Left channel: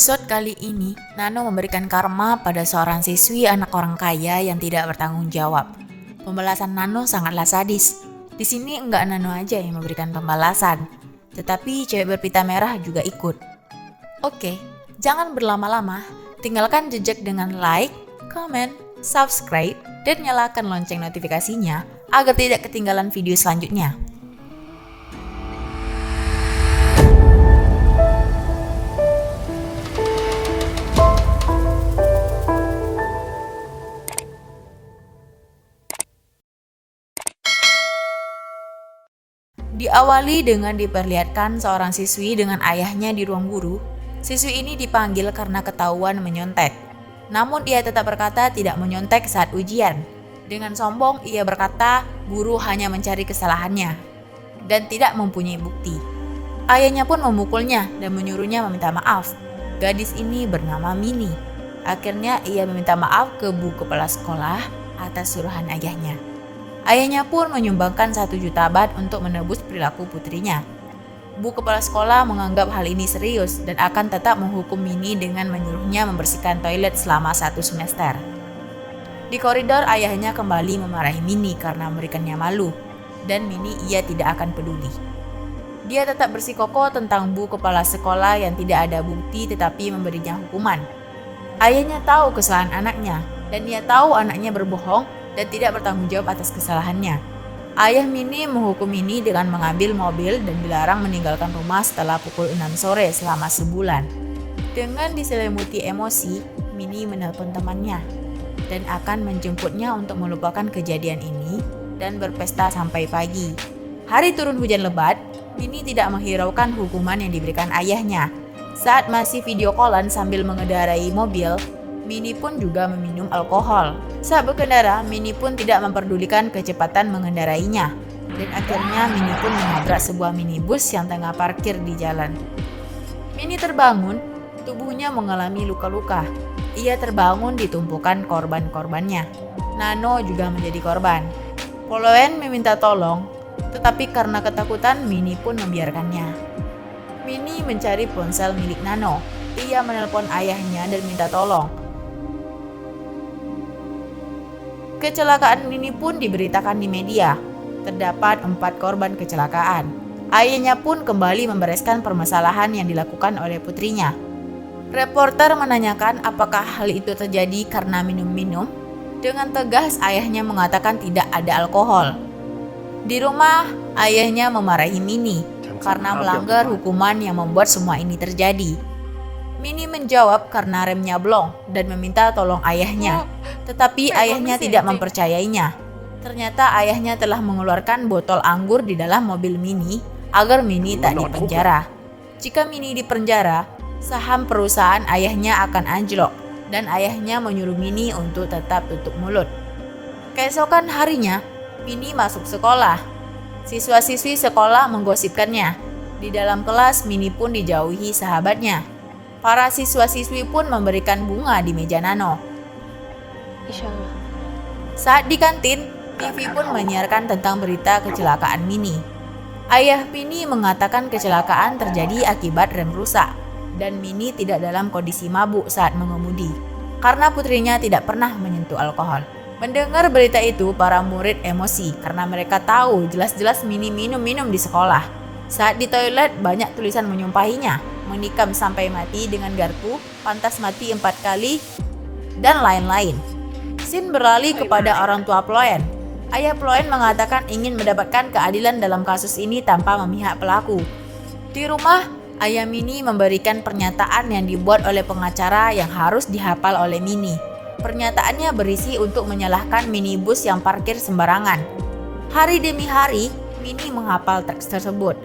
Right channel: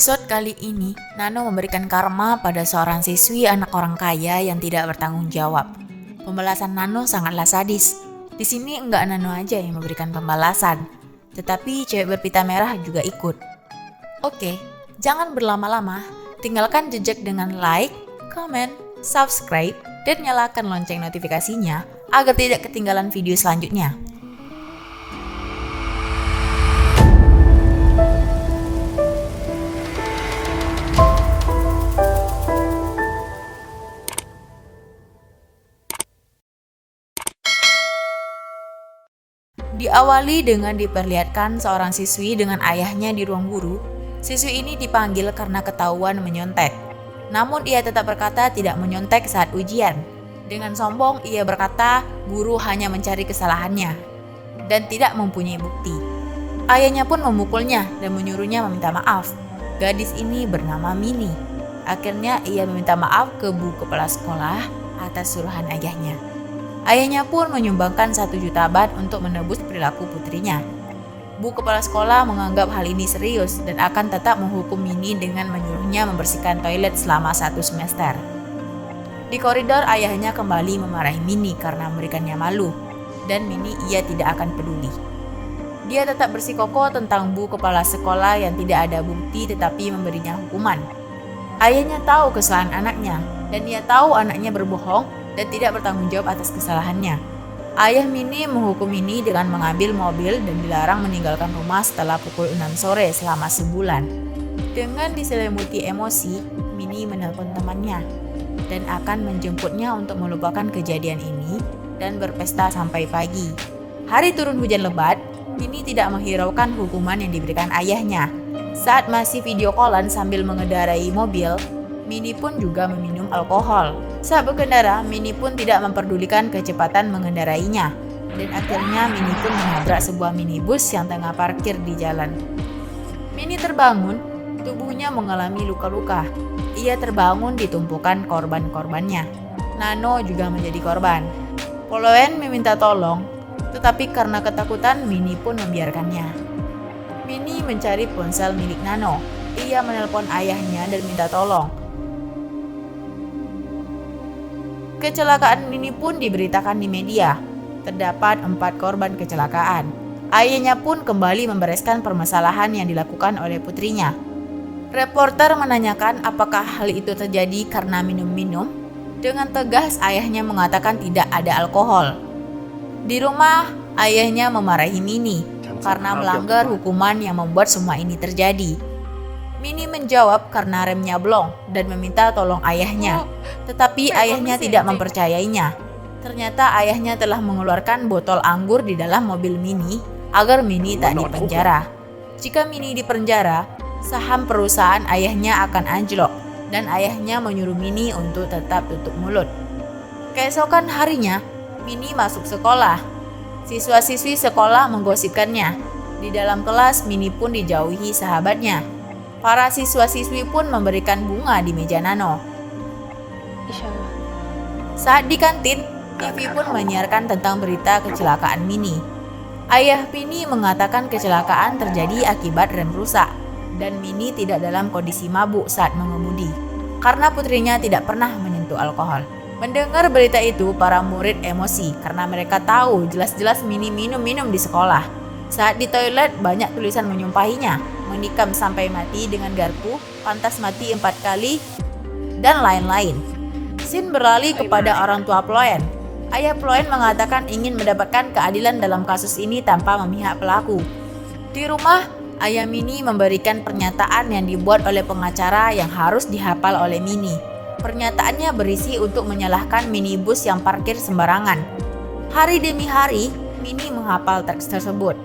episode kali ini, Nano memberikan karma pada seorang siswi anak orang kaya yang tidak bertanggung jawab. Pembalasan Nano sangatlah sadis. Di sini enggak Nano aja yang memberikan pembalasan, tetapi cewek berpita merah juga ikut. Oke, jangan berlama-lama. Tinggalkan jejak dengan like, comment, subscribe, dan nyalakan lonceng notifikasinya agar tidak ketinggalan video selanjutnya. Diawali dengan diperlihatkan seorang siswi dengan ayahnya di ruang guru. Siswi ini dipanggil karena ketahuan menyontek. Namun dia tetap berkata tidak menyontek saat ujian. Dengan sombong ia berkata guru hanya mencari kesalahannya dan tidak mempunyai bukti. Ayahnya pun memukulnya dan menyuruhnya meminta maaf. Gadis ini bernama Mini. Akhirnya ia meminta maaf ke bu kepala sekolah atas suruhan ayahnya. Ayahnya pun menyumbangkan 1 juta baht untuk menebus perilaku putrinya. Bu kepala sekolah menganggap hal ini serius dan akan tetap menghukum Mini dengan menyuruhnya membersihkan toilet selama 1 semester. Di koridor ayahnya kembali memarahi Mini karena memberikannya malu, dan Mini ia tidak akan peduli. Dia tetap bersikukuh tentang bu kepala sekolah yang tidak ada bukti tetapi memberinya hukuman. Ayahnya tahu kesalahan anaknya dan dia tahu anaknya berbohong dan tidak bertanggung jawab atas kesalahannya. Ayah Mini menghukum Mini dengan mengambil mobil dan dilarang meninggalkan rumah setelah pukul 6 sore selama sebulan. Dengan diselimuti emosi, Mini menelpon temannya dan akan menjemputnya untuk melupakan kejadian ini dan berpesta sampai pagi. Hari turun hujan lebat, Mini tidak menghiraukan hukuman yang diberikan ayahnya. Saat masih video callan sambil mengendarai mobil, Mini pun juga meminum alkohol. Saat berkendara, Mini pun tidak memperdulikan kecepatan mengendarainya. Dan akhirnya Mini pun menabrak sebuah minibus yang tengah parkir di jalan. Mini terbangun, tubuhnya mengalami luka-luka. Ia terbangun di tumpukan korban-korbannya. Nano juga menjadi korban. Poloen meminta tolong, tetapi karena ketakutan Mini pun membiarkannya. Mini mencari ponsel milik Nano. Ia menelpon ayahnya dan minta tolong. Kecelakaan Mini pun diberitakan di media. Terdapat 4 korban kecelakaan. Ayahnya pun kembali membereskan permasalahan yang dilakukan oleh putrinya. Reporter menanyakan apakah hal itu terjadi karena minum-minum. Dengan tegas ayahnya mengatakan tidak ada alkohol. Di rumah, ayahnya memarahi Mini karena melanggar hukuman yang membuat semua ini terjadi. Mini menjawab karena remnya blong dan meminta tolong ayahnya, tetapi ayahnya tidak mempercayainya. Ternyata ayahnya telah mengeluarkan botol anggur di dalam mobil Mini agar Mini tak dipenjara. Jika Mini dipenjara, saham perusahaan ayahnya akan anjlok dan ayahnya menyuruh Mini untuk tetap tutup mulut. Keesokan harinya, Mini masuk sekolah. Siswa-siswi sekolah menggosipkannya. Di dalam kelas, Mini pun dijauhi sahabatnya. Para siswa-siswi pun memberikan bunga di meja Nano. Insyaallah. Saat di kantin, TV pun menyiarkan tentang berita kecelakaan Mini. Ayah Mini mengatakan kecelakaan terjadi akibat rem rusak dan Mini tidak dalam kondisi mabuk saat mengemudi karena putrinya tidak pernah menyentuh alkohol. Mendengar berita itu, para murid emosi karena mereka tahu jelas-jelas Mini minum-minum di sekolah. Saat di toilet, banyak tulisan menyumpahinya, menikam sampai mati dengan garpu, pantas mati 4 kali, dan lain-lain. Scene beralih kepada orang tua Ploen. Ayah Ploen mengatakan ingin mendapatkan keadilan dalam kasus ini tanpa memihak pelaku. Di rumah, ayah Mini memberikan pernyataan yang dibuat oleh pengacara yang harus dihafal oleh Mini. Pernyataannya berisi untuk menyalahkan minibus yang parkir sembarangan. Hari demi hari, Mini menghafal teks tersebut.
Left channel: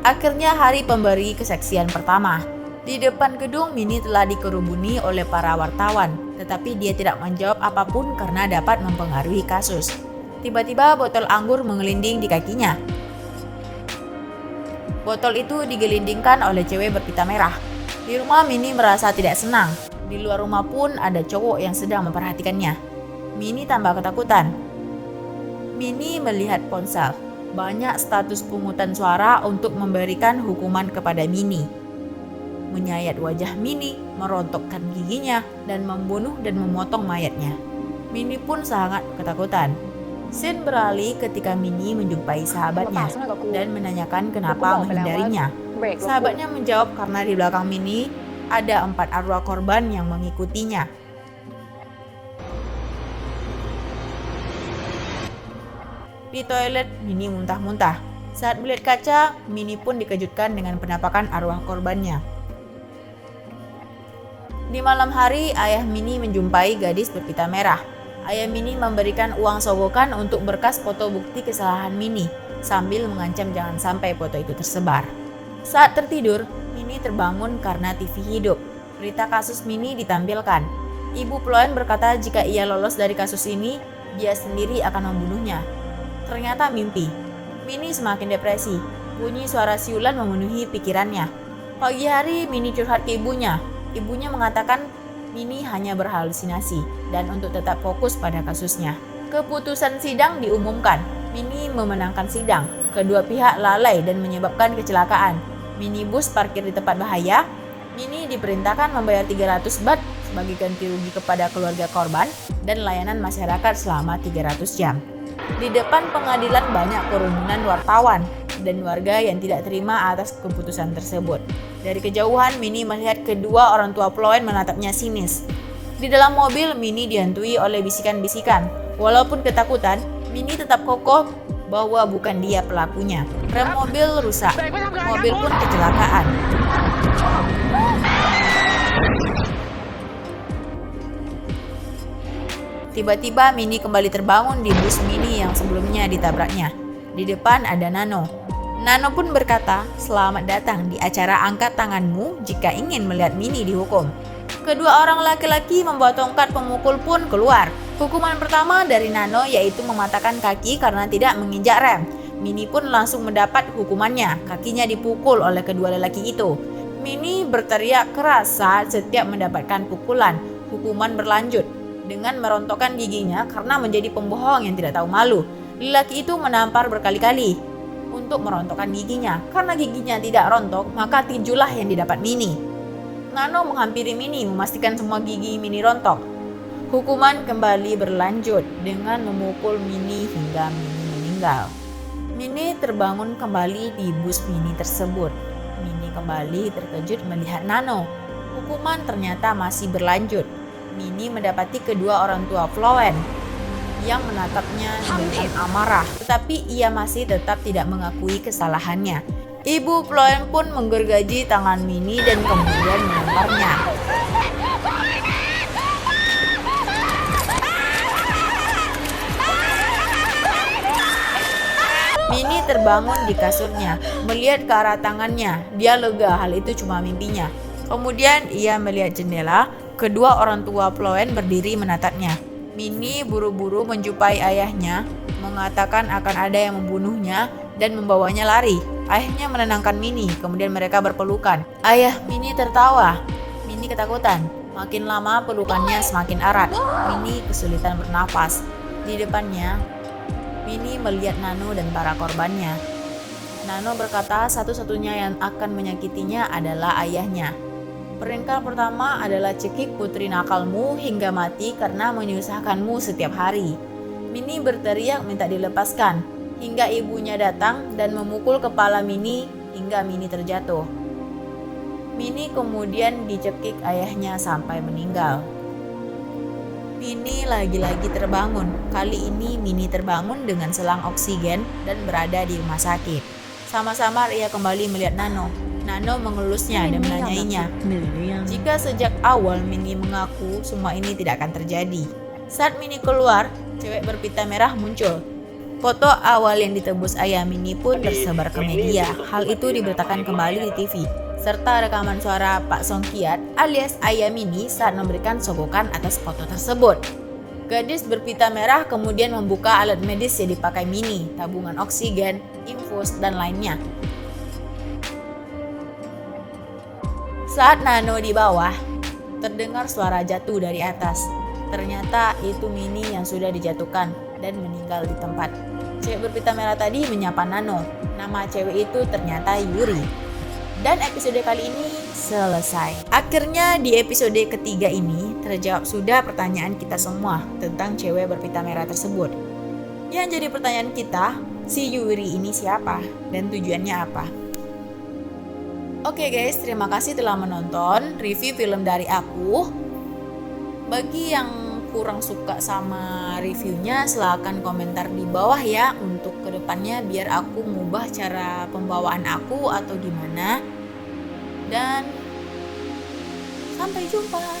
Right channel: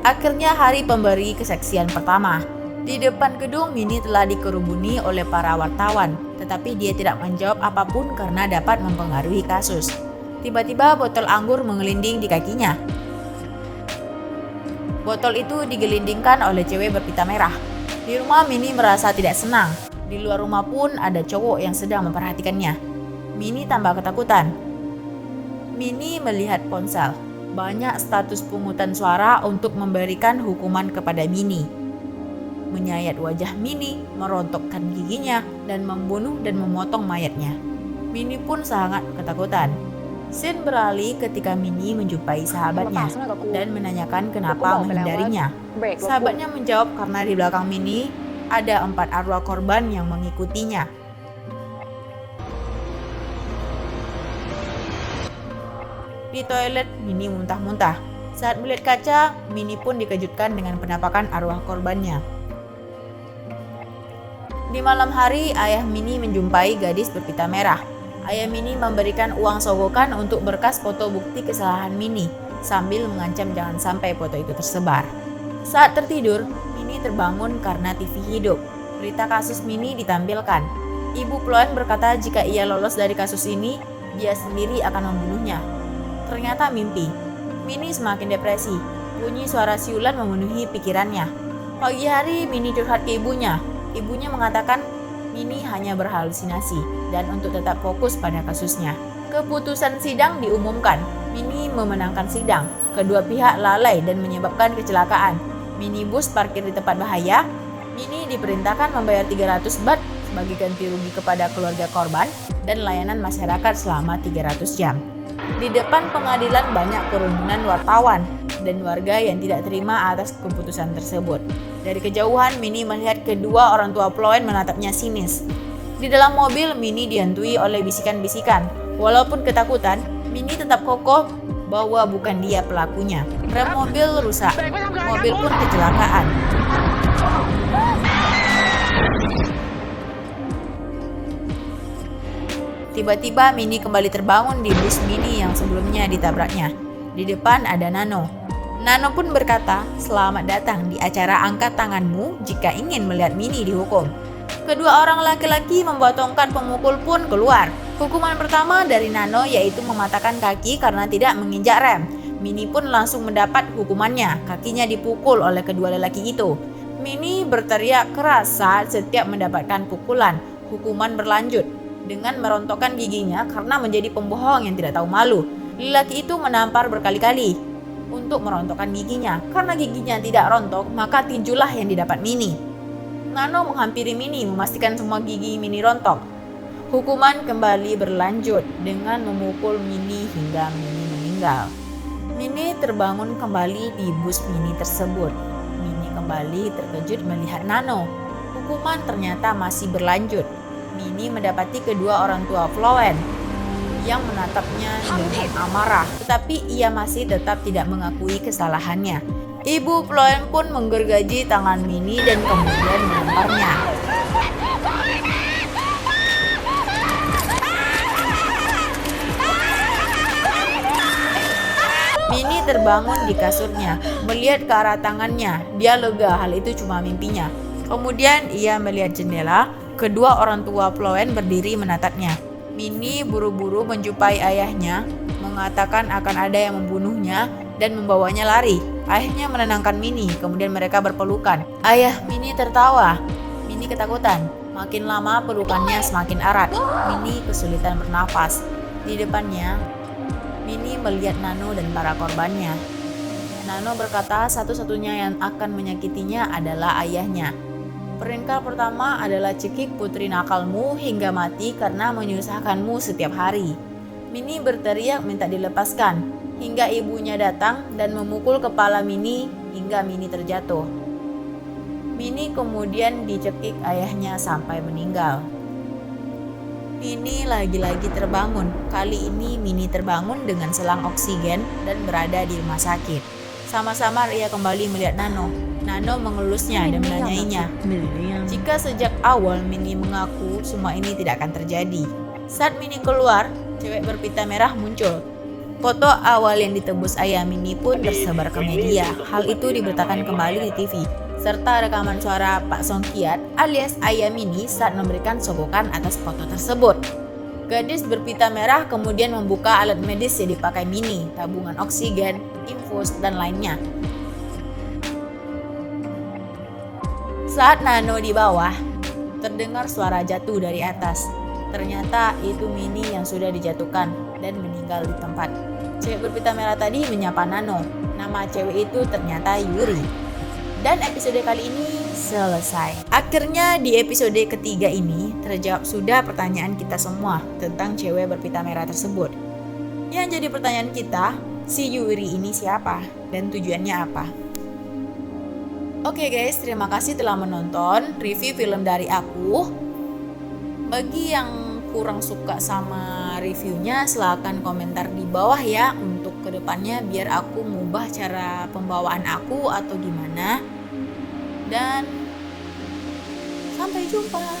Akhirnya hari pemberi kesaksian pertama. Di depan gedung, Mini telah dikerumuni oleh para wartawan, tetapi dia tidak menjawab apapun karena dapat mempengaruhi kasus. Tiba-tiba botol anggur mengelinding di kakinya. Botol itu digelindingkan oleh cewek berpita merah. Di rumah, Mini merasa tidak senang. Di luar rumah pun ada cowok yang sedang memperhatikannya. Mini tambah ketakutan. Mini melihat ponsel. banyak status pungutan suara untuk memberikan hukuman kepada Minnie. Menyayat wajah Minnie, merontokkan giginya, dan membunuh dan memotong mayatnya. Minnie pun sangat ketakutan. Scene beralih ketika Minnie menjumpai sahabatnya dan menanyakan kenapa menghindarinya. Sahabatnya menjawab karena di belakang Minnie ada 4 arwah korban yang mengikutinya. Di toilet, Minnie muntah-muntah. Saat melihat kaca, Minnie pun dikejutkan dengan penampakan arwah korbannya. Di malam hari, ayah Minnie menjumpai gadis berpita merah. Ayah Minnie memberikan uang sogokan untuk berkas foto bukti kesalahan Minnie, sambil mengancam jangan sampai foto itu tersebar. Saat tertidur, Minnie terbangun karena TV hidup. Berita kasus Minnie ditampilkan. Ibu Ploen berkata jika ia lolos dari kasus ini, dia sendiri akan membunuhnya. Ternyata mimpi. Minnie semakin depresi. Bunyi suara siulan memenuhi pikirannya. Pagi hari, Minnie curhat ke ibunya. Ibunya mengatakan Minnie hanya berhalusinasi dan untuk tetap fokus pada kasusnya. Keputusan sidang diumumkan. Minnie memenangkan sidang. Kedua pihak lalai dan menyebabkan kecelakaan. Minibus parkir di tempat bahaya. Minnie diperintahkan membayar 300 baht sebagai ganti rugi kepada keluarga korban dan layanan masyarakat selama 300 jam. Di depan pengadilan banyak kerumunan wartawan dan warga yang tidak terima atas keputusan tersebut. Dari kejauhan, Minnie melihat kedua orang tua Ploen menatapnya sinis. Di dalam mobil, Minnie dihantui oleh bisikan-bisikan. Walaupun ketakutan, Minnie tetap kokoh bahwa bukan dia pelakunya. Rem mobil rusak. Mobil pun kecelakaan. Tiba-tiba Minnie kembali terbangun di bus Minnie yang sebelumnya ditabraknya. Di depan ada Nano. Nano pun berkata, "Selamat datang di acara angkat tanganmu jika ingin melihat Minnie dihukum." Kedua orang laki-laki membawa tongkat pemukul pun keluar. Hukuman pertama dari Nano yaitu mematahkan kaki karena tidak menginjak rem. Minnie pun langsung mendapat hukumannya. Kakinya dipukul oleh kedua lelaki itu. Minnie berteriak keras saat setiap mendapatkan pukulan. Hukuman berlanjut dengan merontokkan giginya karena menjadi pembohong yang tidak tahu malu. Lelaki itu menampar berkali-kali untuk merontokkan giginya. Karena giginya tidak rontok, maka tinjulah yang didapat Minnie. Nano menghampiri Minnie memastikan semua gigi Minnie rontok. Hukuman kembali berlanjut dengan memukul Minnie hingga Minnie meninggal. Minnie terbangun kembali di bus Minnie tersebut. Minnie kembali terkejut melihat Nano. Hukuman ternyata masih berlanjut. Minnie mendapati kedua orang tua Ploen yang menatapnya dengan amarah, tetapi ia masih tetap tidak mengakui kesalahannya. Ibu Ploen pun menggergaji tangan Minnie dan kemudian melemparnya. Minnie terbangun di kasurnya, melihat ke arah tangannya. Dia lega, hal itu cuma mimpinya. Kemudian ia melihat jendela, kedua orang tua Ploen berdiri menatapnya. Minnie buru-buru menjumpai ayahnya, mengatakan akan ada yang membunuhnya dan membawanya lari. Ayahnya menenangkan Minnie, kemudian mereka berpelukan. Ayah Minnie tertawa. Minnie ketakutan. Makin lama pelukannya semakin erat. Minnie kesulitan bernafas. Di depannya, Minnie melihat Nano dan para korbannya. Nano berkata satu-satunya yang akan menyakitinya adalah ayahnya. Perintah pertama adalah cekik putri nakalmu hingga mati karena menyusahkanmu setiap hari. Minnie berteriak minta dilepaskan, hingga ibunya datang dan memukul kepala Minnie hingga Minnie terjatuh. Minnie kemudian dicekik ayahnya sampai meninggal. Minnie lagi-lagi terbangun. Kali ini Minnie terbangun dengan selang oksigen dan berada di rumah sakit. Sama-sama ia kembali melihat Nano. Nano mengelusnya dan menanyainya jika sejak awal Minnie mengaku semua ini tidak akan terjadi. Saat Minnie keluar, cewek berpita merah muncul. Foto awal yang ditebus ayah Minnie pun tersebar ke media. Hal itu diberitakan kembali di TV, serta rekaman suara Pak Song Kiat alias ayah Minnie saat memberikan sogokan atas foto tersebut. Gadis berpita merah kemudian membuka alat medis yang dipakai Minnie, tabungan oksigen, infus, dan lainnya. Saat Nano di bawah, terdengar suara jatuh dari atas. Ternyata itu Mini yang sudah dijatuhkan dan meninggal di tempat. Cewek berpita merah tadi menyapa Nano. Nama cewek itu ternyata Yuri. Dan episode kali ini selesai. Akhirnya di episode ketiga ini terjawab sudah pertanyaan kita semua tentang cewek berpita merah tersebut. Yang jadi pertanyaan kita, si Yuri ini siapa dan tujuannya apa? Oke guys, terima kasih telah menonton review film dari aku. Bagi yang kurang suka sama reviewnya, silahkan komentar di bawah ya untuk kedepannya biar aku mengubah cara pembawaan aku atau gimana. Dan sampai jumpa.